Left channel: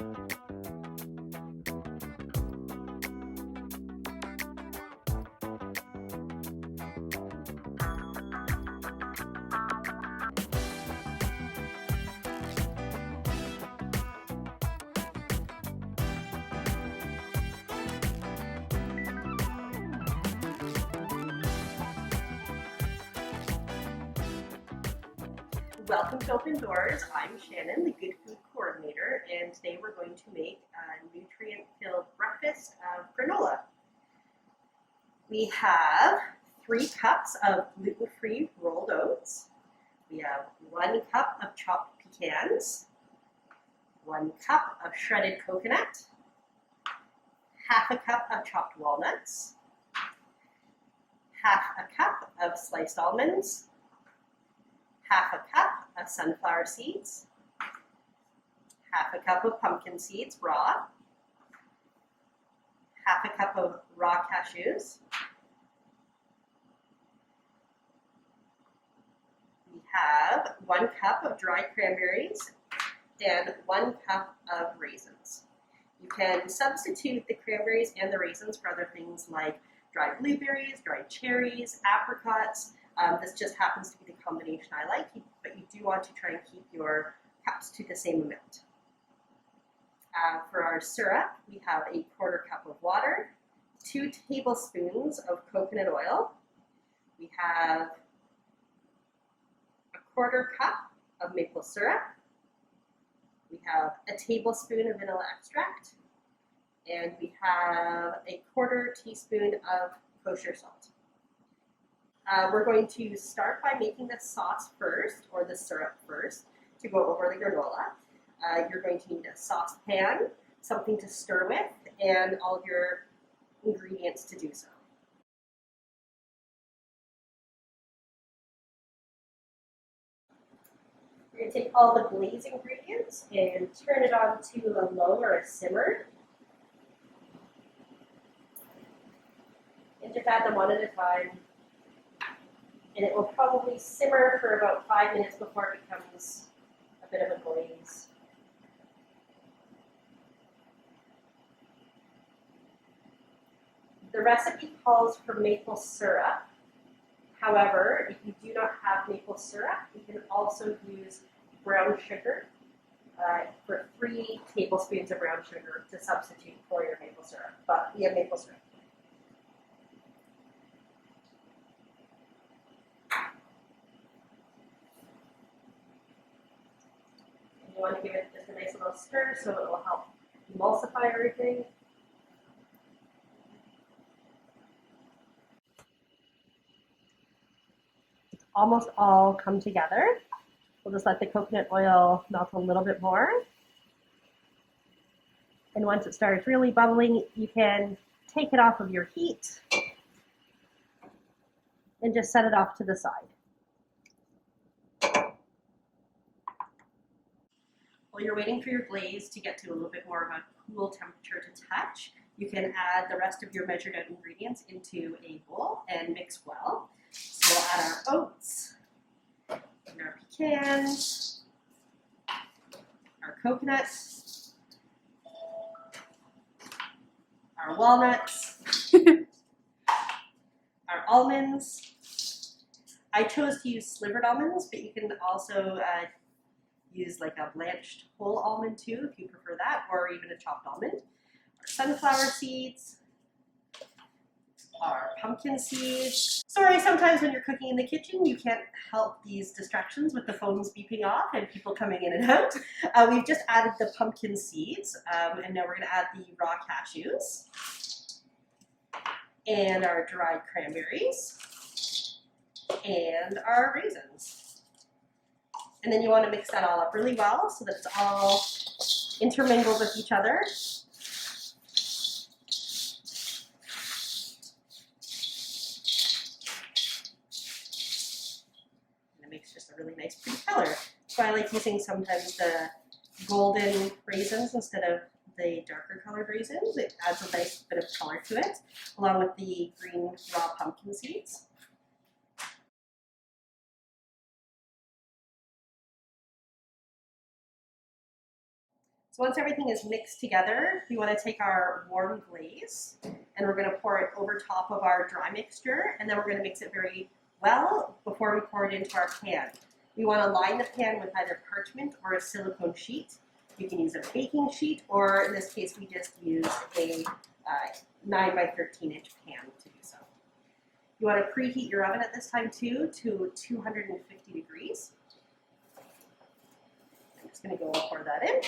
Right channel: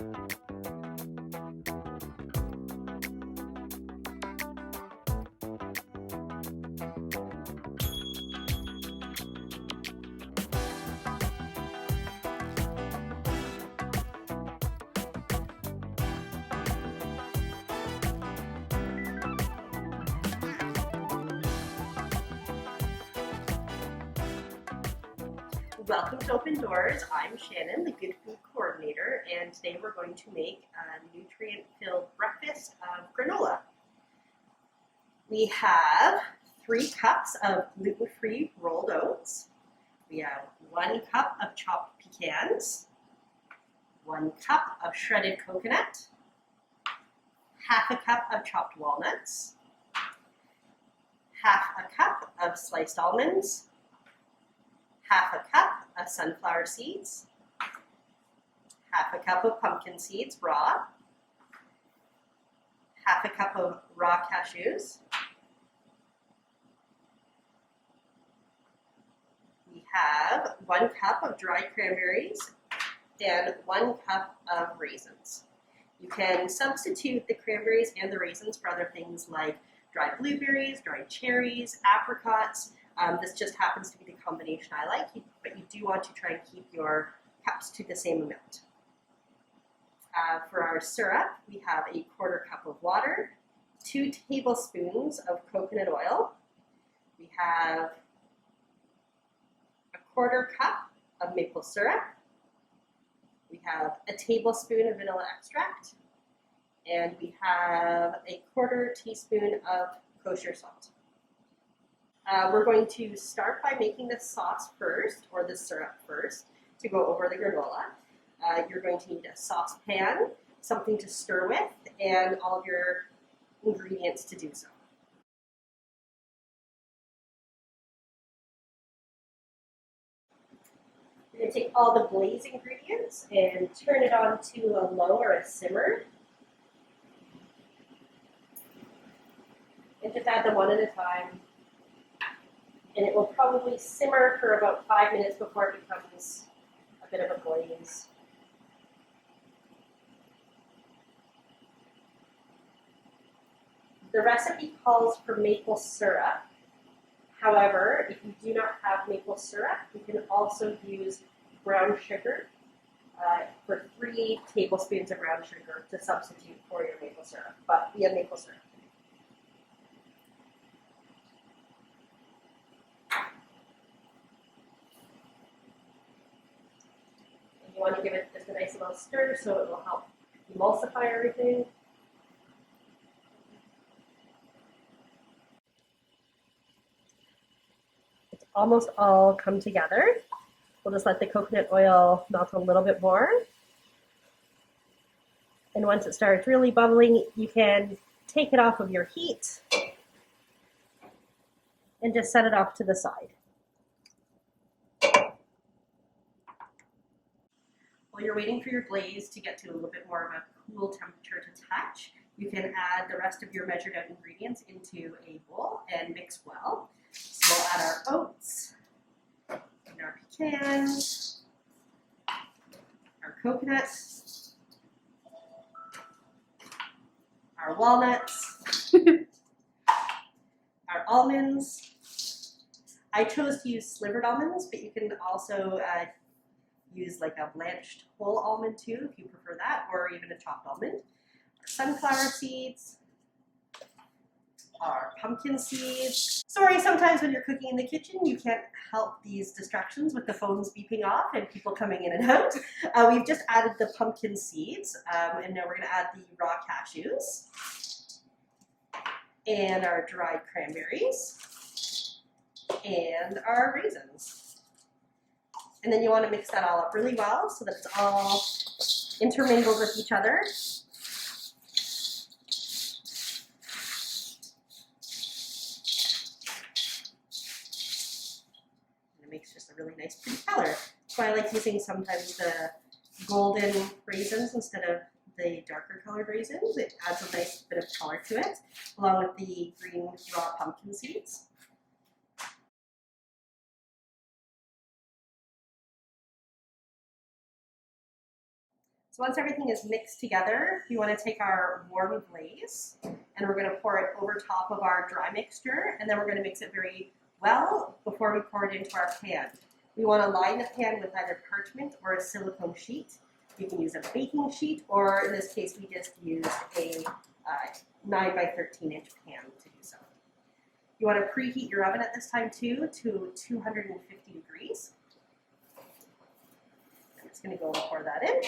Welcome to Open Doors. I'm Shannon, the Good Food Coordinator, and today we're going to make a nutrient-filled breakfast of granola. We have 3 cups of gluten-free rolled oats. We have 1 cup of chopped pecans, 1 cup of shredded coconut, half a cup of chopped walnuts, half a cup of sliced almonds, half a cup of sunflower seeds, half a cup of pumpkin seeds raw, half a cup of raw cashews, we have 1 cup of dried cranberries, and 1 cup of raisins. You can substitute the cranberries and the raisins for other things like dried blueberries, dried cherries, apricots. This just happens to be the combination I like, but you do want to try and keep your cups to the same amount. For our syrup, we have a 1/4 cup of water, 2 tablespoons of coconut oil. We have a 1/4 cup of maple syrup. We have a tablespoon of vanilla extract, and we have a 1/4 teaspoon of kosher salt. We're going to start by making the sauce first, or the syrup first, to go over the granola. You're going to need a saucepan, something to stir with, and all of your ingredients to do so. You're going to take all the Glaze ingredients and turn it on to a low or a simmer. And just add them one at a time. And it will probably simmer for about 5 minutes before it becomes a bit of a glaze. The recipe calls for maple syrup. However, if you do not have maple syrup, you can also use brown sugar for 3 tablespoons of brown sugar to substitute for your maple syrup. But we have maple syrup. You want to give it just a nice little stir so it will help emulsify everything. It's almost all come together. We'll just let the coconut oil melt a little bit more. And once it starts really bubbling, you can take it off of your heat and just set it off to the side. While you're waiting for your glaze to get to a little bit more of a cool temperature to touch, you can add the rest of your measured out ingredients into a bowl and mix well. So we'll add our oats, and our pecans, our coconut, our walnuts, our almonds. I chose to use slivered almonds, but you can also use like a blanched whole almond too, if you prefer that, or even a chopped almond. Our sunflower seeds, our pumpkin seeds. Sorry, sometimes when you're cooking in the kitchen, you can't help these distractions with the phones beeping off and people coming in and out. We've just added the pumpkin seeds, and now we're going to add the raw cashews, and our dried cranberries, and our raisins. And then you want to mix that all up really well so that it's all intermingled with each other. And it makes just a really nice pretty color. That's why I like using sometimes the golden raisins instead of the darker colored raisins. It adds a nice bit of color to it, along with the green raw pumpkin seeds. So once everything is mixed together, we want to take our warm glaze and we're going to pour it over top of our dry mixture, and then we're going to mix it very well before we pour it into our pan. We want to line the pan with either parchment or a silicone sheet. You can use a baking sheet, or in this case we just used a 9 by 13 inch pan to do so. You want to preheat your oven at this time too to 250 degrees. I'm just going to go and pour that in.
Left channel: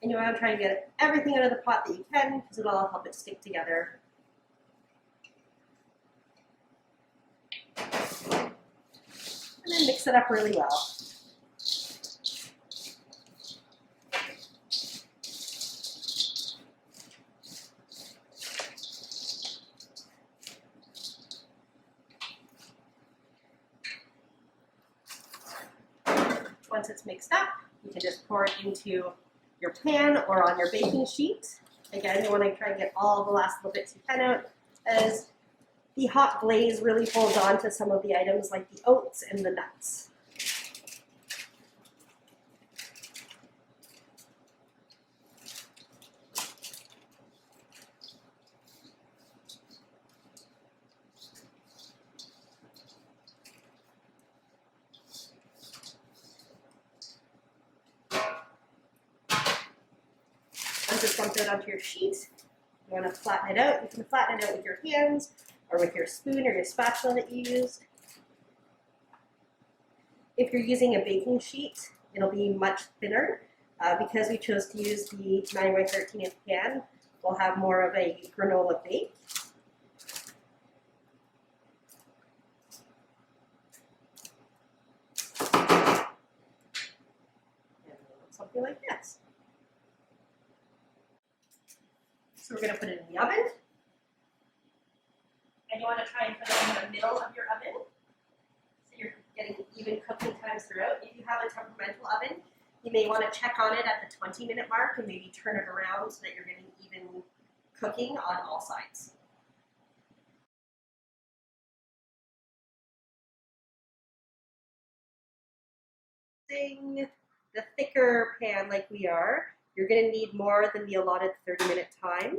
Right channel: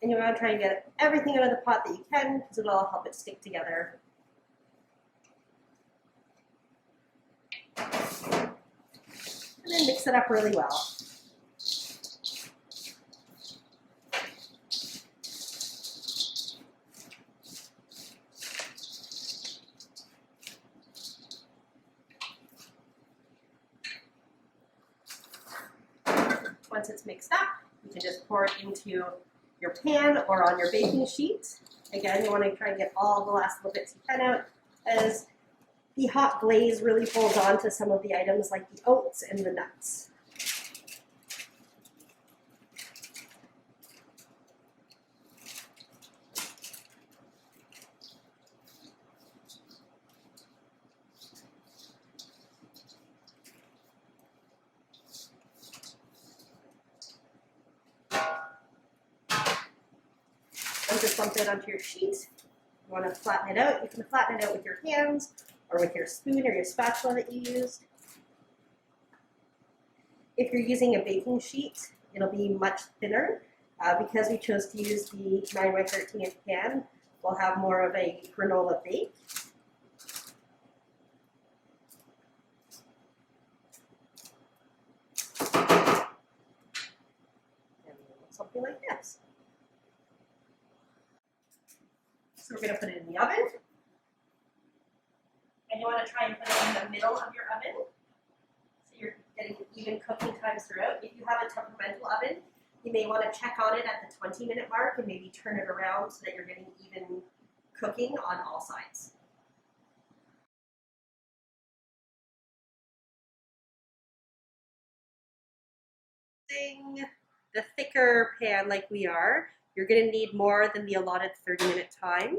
And you want to try and get everything out of the pot that you can, because it'll all help it stick together. And then mix it up really well. Once it's mixed up, you can just pour it into your pan or on your baking sheet. Again, you want to try and get all the last little bits you can out, as the hot glaze really holds on to some of the items like the oats and the nuts. Once it's lumped out onto your sheet, you want to flatten it out. You can flatten it out with your hands or with your spoon or your spatula that you used. If you're using a baking sheet, it'll be much thinner. Because we chose to use the 9 by 13 inch pan, we'll have more of a granola bake. And something like this. So we're going to put it in the oven. And you want to try and put it in the middle of your oven, so you're getting even cooking times throughout. If you have a temperamental oven, you may want to check on it at the 20-minute mark and maybe turn it around so that you're getting even cooking on all sides. The thicker pan like we are, you're going to need more than the allotted 30-minute time.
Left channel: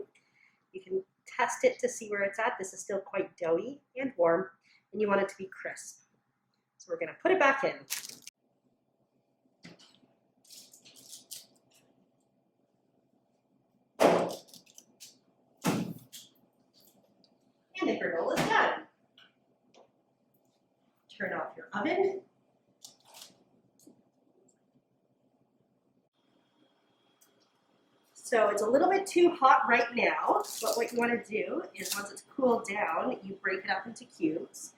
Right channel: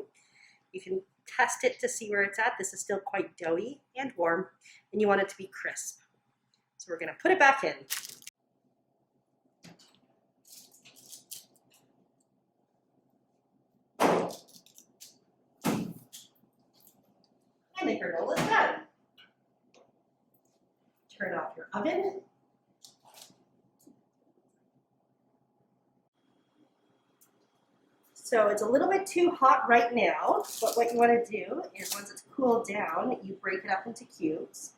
You can test it to see where it's at. This is still quite doughy and warm, and you want it to be crisp. So we're going to put it back in. And the granola is done. Turn off your oven. So it's a little bit too hot right now, but what you want to do is once it's cooled down, you break it up into cubes.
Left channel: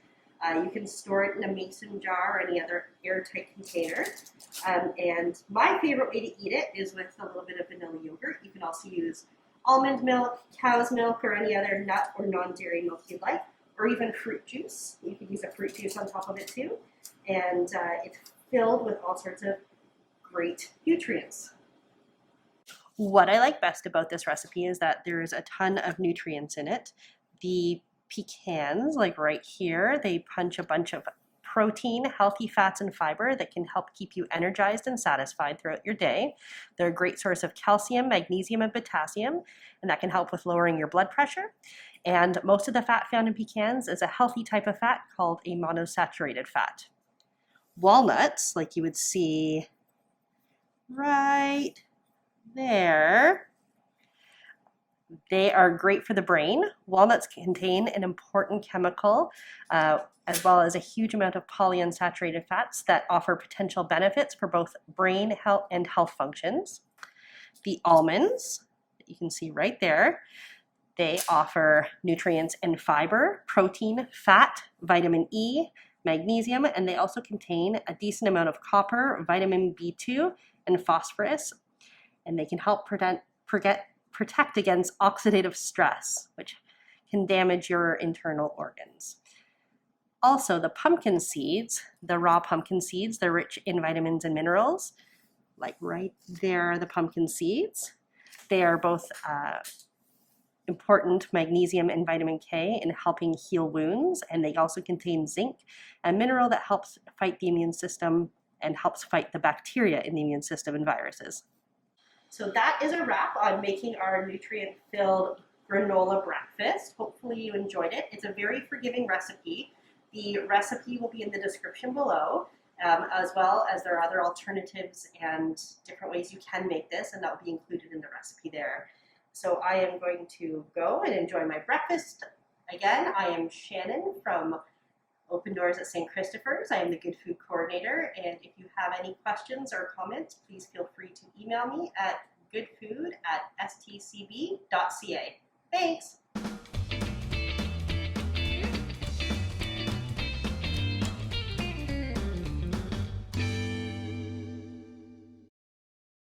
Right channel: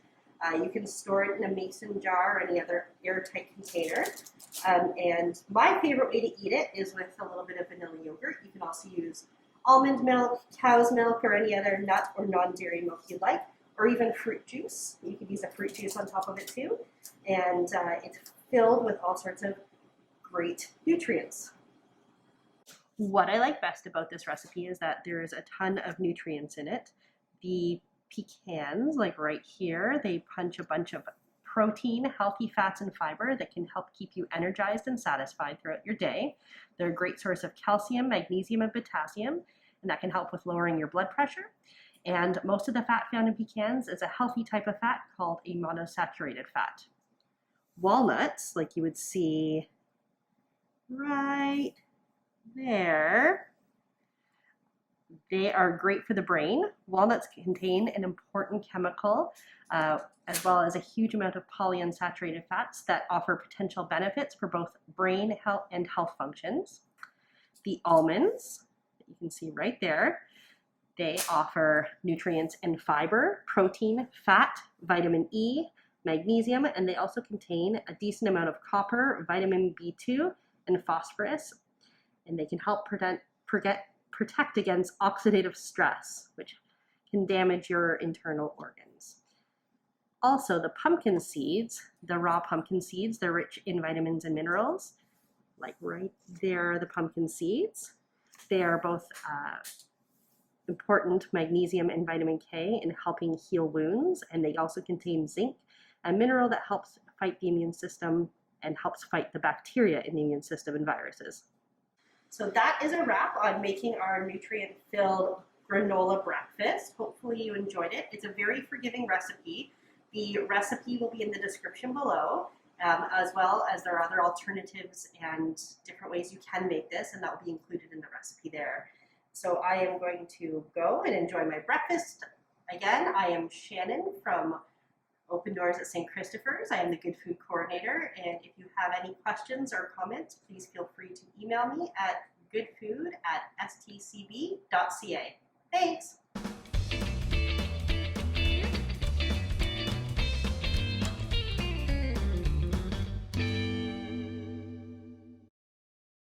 You can store it in a mason jar or any other airtight container. And my favorite way to eat it is with a little bit of vanilla yogurt. You can also use almond milk, cow's milk, or any other nut or non-dairy milk you'd like, or even fruit juice. You could use a fruit juice on top of it too. And it's filled with all sorts of great nutrients. What I like best about this recipe is that there's a ton of nutrients in it. The pecans, like right here, they punch a bunch of protein, healthy fats, and fiber that can help keep you energized and satisfied throughout your day. They're a great source of calcium, magnesium, and potassium, and that can help with lowering your blood pressure. And most of the fat found in pecans is a healthy type of fat called a monosaturated fat. Walnuts, like you would see right there, they are great for the brain. Walnuts contain an important chemical as well as a huge amount of polyunsaturated fats that offer potential benefits for both brain health and health functions. The almonds, that you can see right there, they offer nutrients and fiber, protein, fat, vitamin E, magnesium, and they also contain a decent amount of copper, vitamin B2, and phosphorus. And they can help protect against oxidative stress, which can damage your internal organs. Also, the pumpkin seeds, the raw pumpkin seeds, they're rich in vitamins and minerals. Like right there, the pumpkin seeds. They are both important magnesium and vitamin K in helping heal wounds, and they also contain zinc, a mineral that helps fight the immune system and helps fight the bacteria in the immune system and viruses. So that is a wrap on making our nutrient-filled granola breakfast. Hopefully you enjoyed it. It's a very forgiving recipe. The recipe will be in the description below, as well as there are other alternatives and different ways you can make this, and that will be included in the recipe there. So I am going to go and enjoy my breakfast. Again, I am Shannon from Open Doors at St. Christopher's. I am the Good Food Coordinator, and if you have any questions or comments, please feel free to email me at goodfood@stcb.ca. Thanks!